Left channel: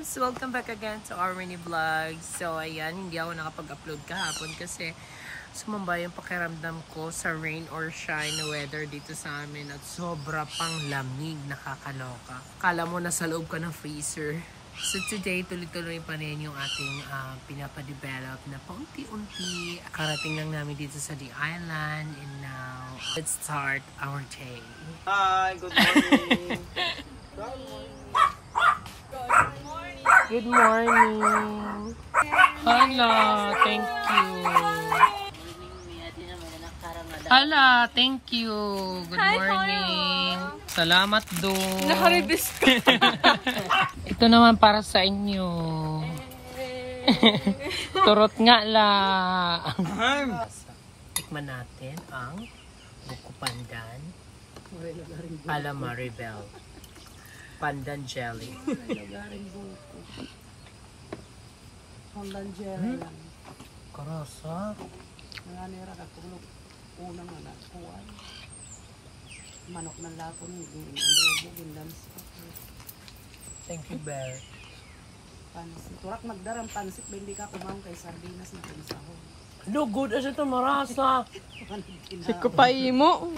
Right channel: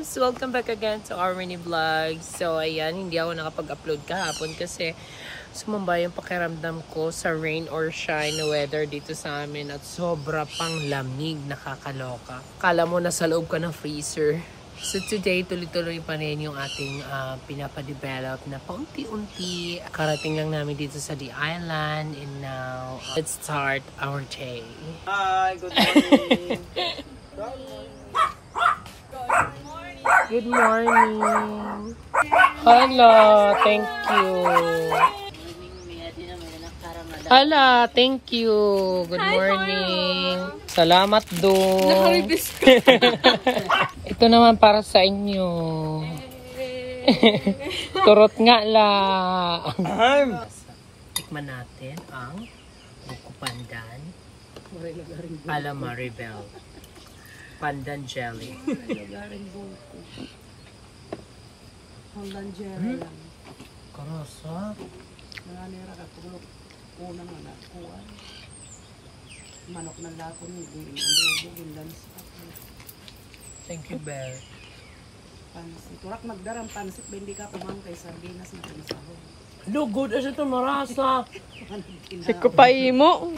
loves! Welcome back again to our mini vlog. So ayan, hindi ako nakapag-upload kahapon kasi sumamba yung pakiramdam ko sa rain or shine weather dito sa amin at sobra pang lamig, nakakaloka. Kala mo nasa loob ka ng freezer. So today, tuloy-tuloy pa rin yung ating pinapadevelop na paunti-unti. Karating lang namin dito sa the island and now, let's start our day. Hi, good morning. Good morning. Hello, thank you. Hala, thank you. Good morning. Salamat do. Nakaribis ka. Ito naman para sa inyo. Turot nga lang. Tikman natin ang buko pandan ala Maribel. Pandan jelly. Pandan jelly. Karasa. Nanganira ka kung unang anak kuwan. Manok ng lapo ni adobo ginlansa. Thank you, Bear. Pansit. Turak magdarang pansit ba hindi ka kumam kay sardinas na pinasahog. Lugod as ito marasa. Siko pa imo.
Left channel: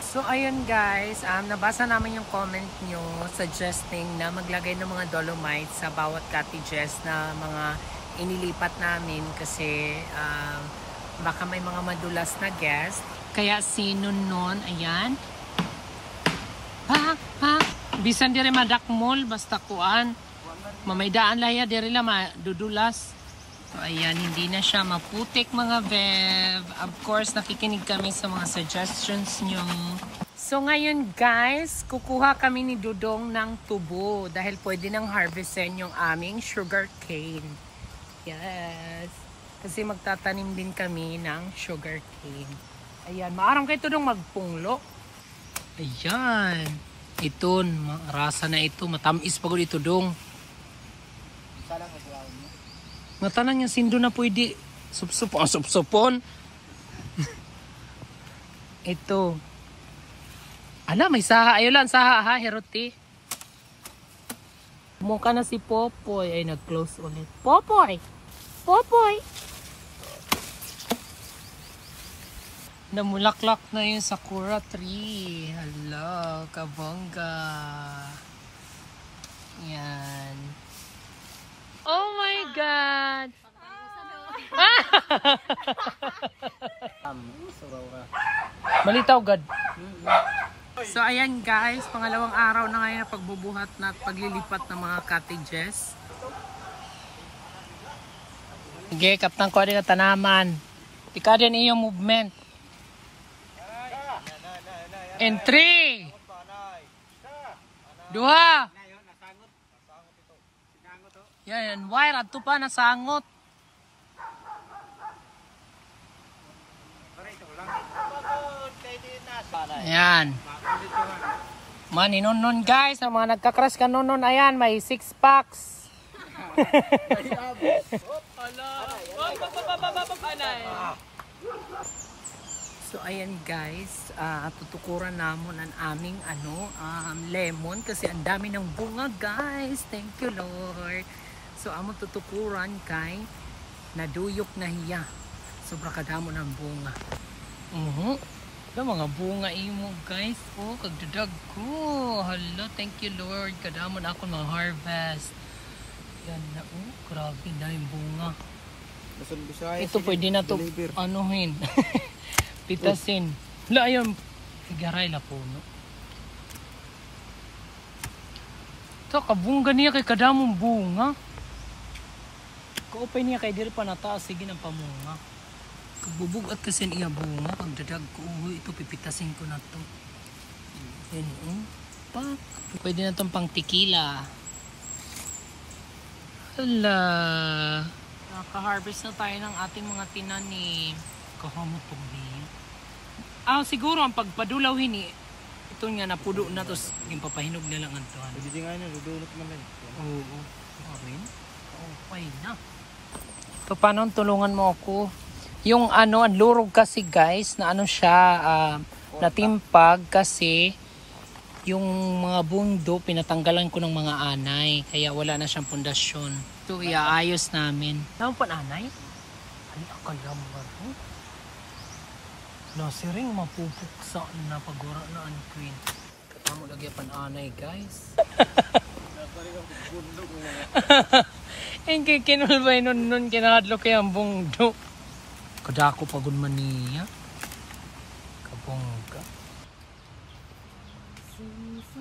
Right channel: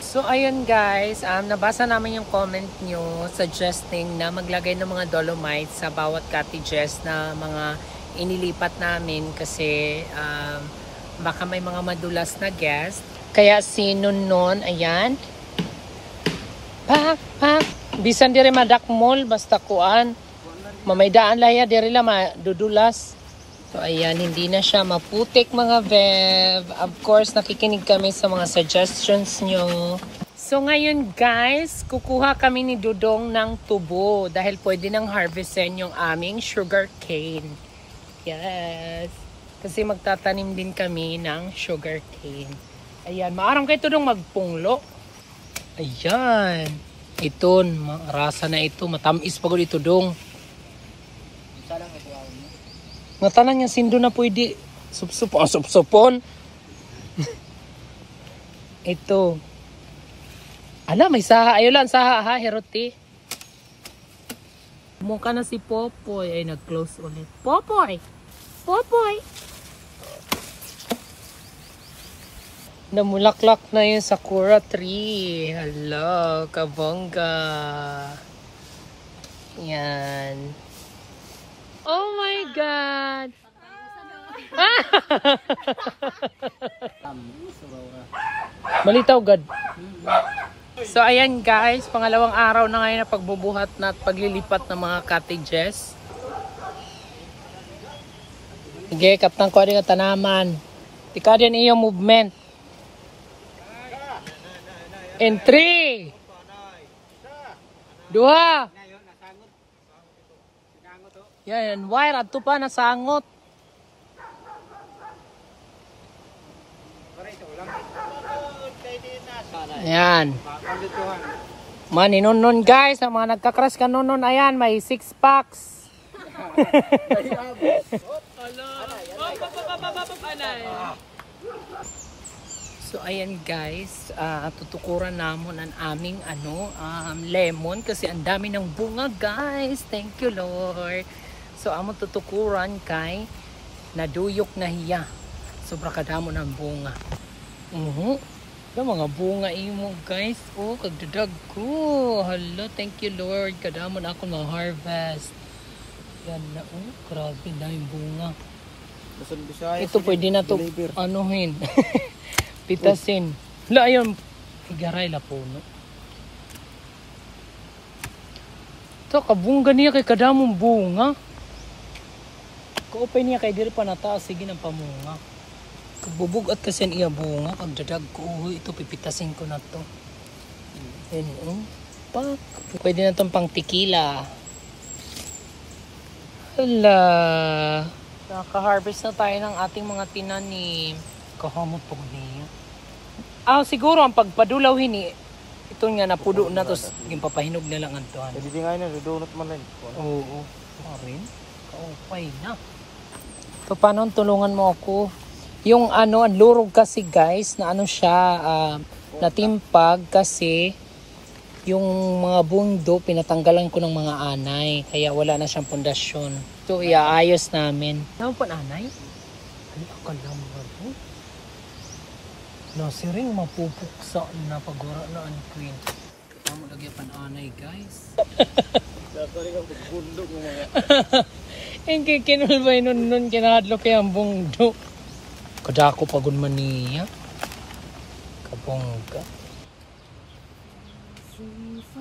So, ayun guys, nabasa namin yung comment nyo suggesting na maglagay ng mga dolomite sa bawat cottages na mga inilipat namin kasi baka may mga madulas na guest. Kaya si Nunun, ayan. Pak. Bisan dire madakmol, basta kuan. Mamaydaan laya dire la madudulas. So, ayan, hindi na siya maputik mga Vev. Of course, nakikinig kami sa mga suggestions nyo. So, ngayon guys, kukuha kami ni Dudong ng tubo dahil pwede nang harvestin yung aming sugar cane. Yes. Kasi magtatanim din kami ng sugar cane. Ayan, maarang kayo Dudong magpunglo. Ayan. Ito, rasa na ito. Matamis pagod ito Dudong. Matanan niya sindo na pwede supsupon. Ito. Ala, may saha. Ayaw lang, saha ha, Heroti. Mukha na si Popoy. Ay, nag-close ulit. Popoy! Namulaklak na yung sakura tree. Hello, kabongga. Yan. Oh my God! Malitaw God. So ayan guys, pangalawang araw na ngayon na pagbubuhat na at paglilipat ng mga cottages. Sige, kaptang ko din ang tanaman. Tika din iyong movement. In 3 2 Yan, wire ato pa nasangot. Ayan. Maninunun guys, ang mga nagkakras ka nunun, ayan, may 6 packs. So ayan guys, tutukuran namon ang aming lemon kasi ang dami ng bunga guys. Thank you Lord. So among tutukuran kay naduyok na hiya. Sobra kadamo ng bunga. Mga bunga imo guys. Oh, kagdadag ko. Hello, thank you Lord. Kadamo na ako ma-harvest. Yan na, grabe na yung bunga. Ito pwede na to anuhin. Pitasin. Hala, ayun. Higaray la po, no? Ito, kabungga niya kay kadamong bunga. Kaupay niya kay diri pa nataas. Sige ng pamunga. Kabubugat kasi niya bunga. Kagdadag ko. Ito, pipitasin ko na to. Ayun, pak. Pwede na itong pang tequila. Hala. Naka-harvest na tayo ng ating mga tinanim. Kahamot pag niya. Siguro ang pagpadulaw hini, ito nga napudo na to, papahinog na lang ang tuhan. Pwede nga na, dudunot man rin. Oo. Rin? Kaupay na. So, paano tulungan mo ako? Yung ang lurog kasi guys, na siya, natimpag kasi yung mga bundo pinatanggalan ko ng mga anay. Kaya wala na siyang pundasyon. So, iaayos namin. Naman po anay? Ay, akalam ba ito? Nasiring mapupuksa na pagura na ang queen. Ang lagyan pan anay, guys. Dapat ang bundok ng mga. Ang kikinulbay nun kinahadlo kaya ang bungdo. Kadako pagod man niya. Kabongga.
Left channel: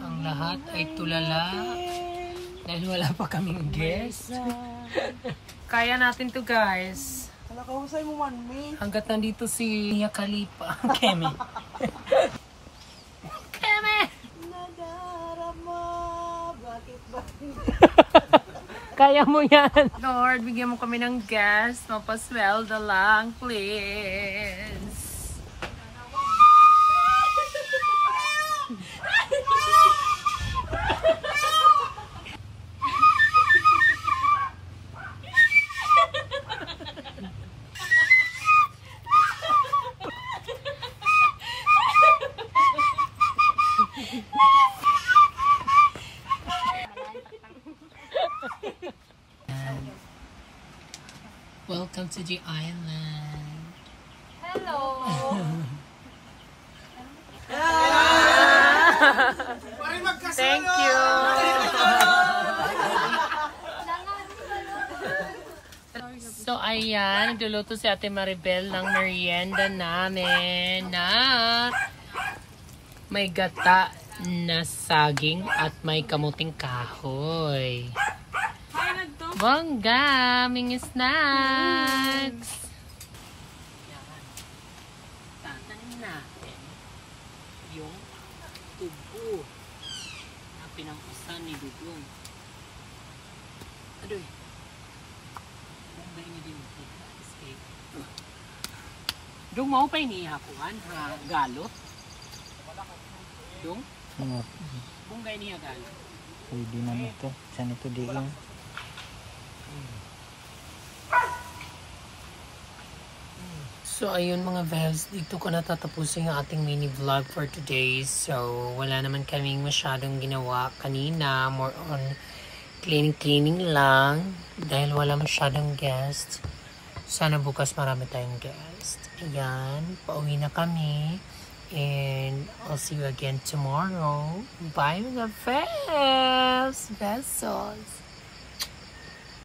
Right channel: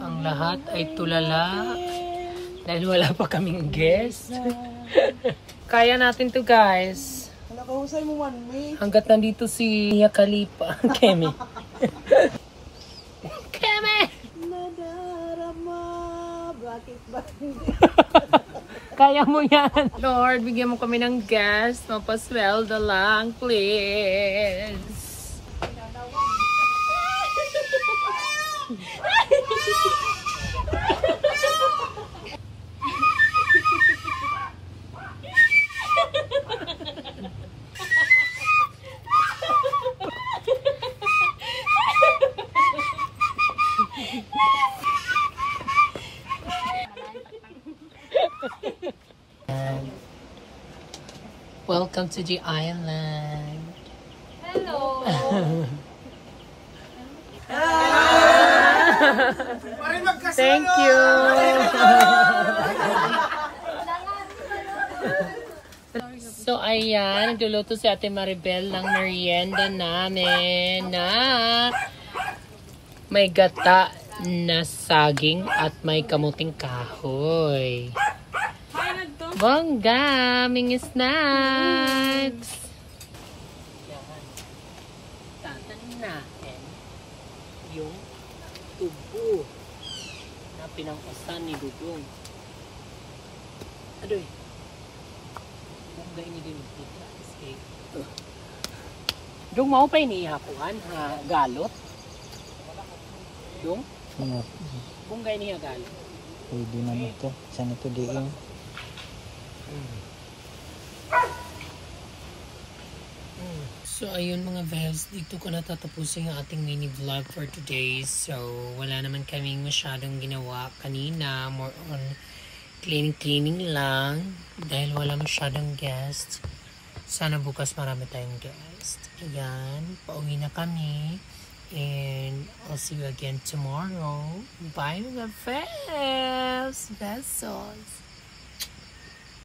Ang lahat ay tulala. Dahil wala pa kaming guest. Kaya natin to, guys. Nakahusay mo man, me. Hanggat nandito si Mia Khalifa. Kemi. Kemi! Nadarama. Bakit ba? Kaya mo yan. Lord, bigyan mo kami ng guest. Mapasweldo lang, please. Welcome to the island. Hello. Thank you. So ayan, nagluluto si Ate Maribel ng merienda namin na may gata na saging at may kamuting kahoy. Bongga! Ming snacks! Yan. Tatanim natin yung tubo na pinangkasan ni Dudong. Adoy! Bongga ini din kita. Escape. Dudong mau pa inihakuan ha? Galot? Dudong? Bongga ini ha galot? Pwede naman ito. Saan ito diin? So ayun mga bebs, dito ko natatapusin ang ating mini vlog for today. So wala naman kaming masyadong ginawa kanina, more on cleaning lang dahil wala masyadong guests. Sana bukas marami tayong guests. Ayan, pauwi na kami and I'll see you again tomorrow. Bye mga bebs! Besos!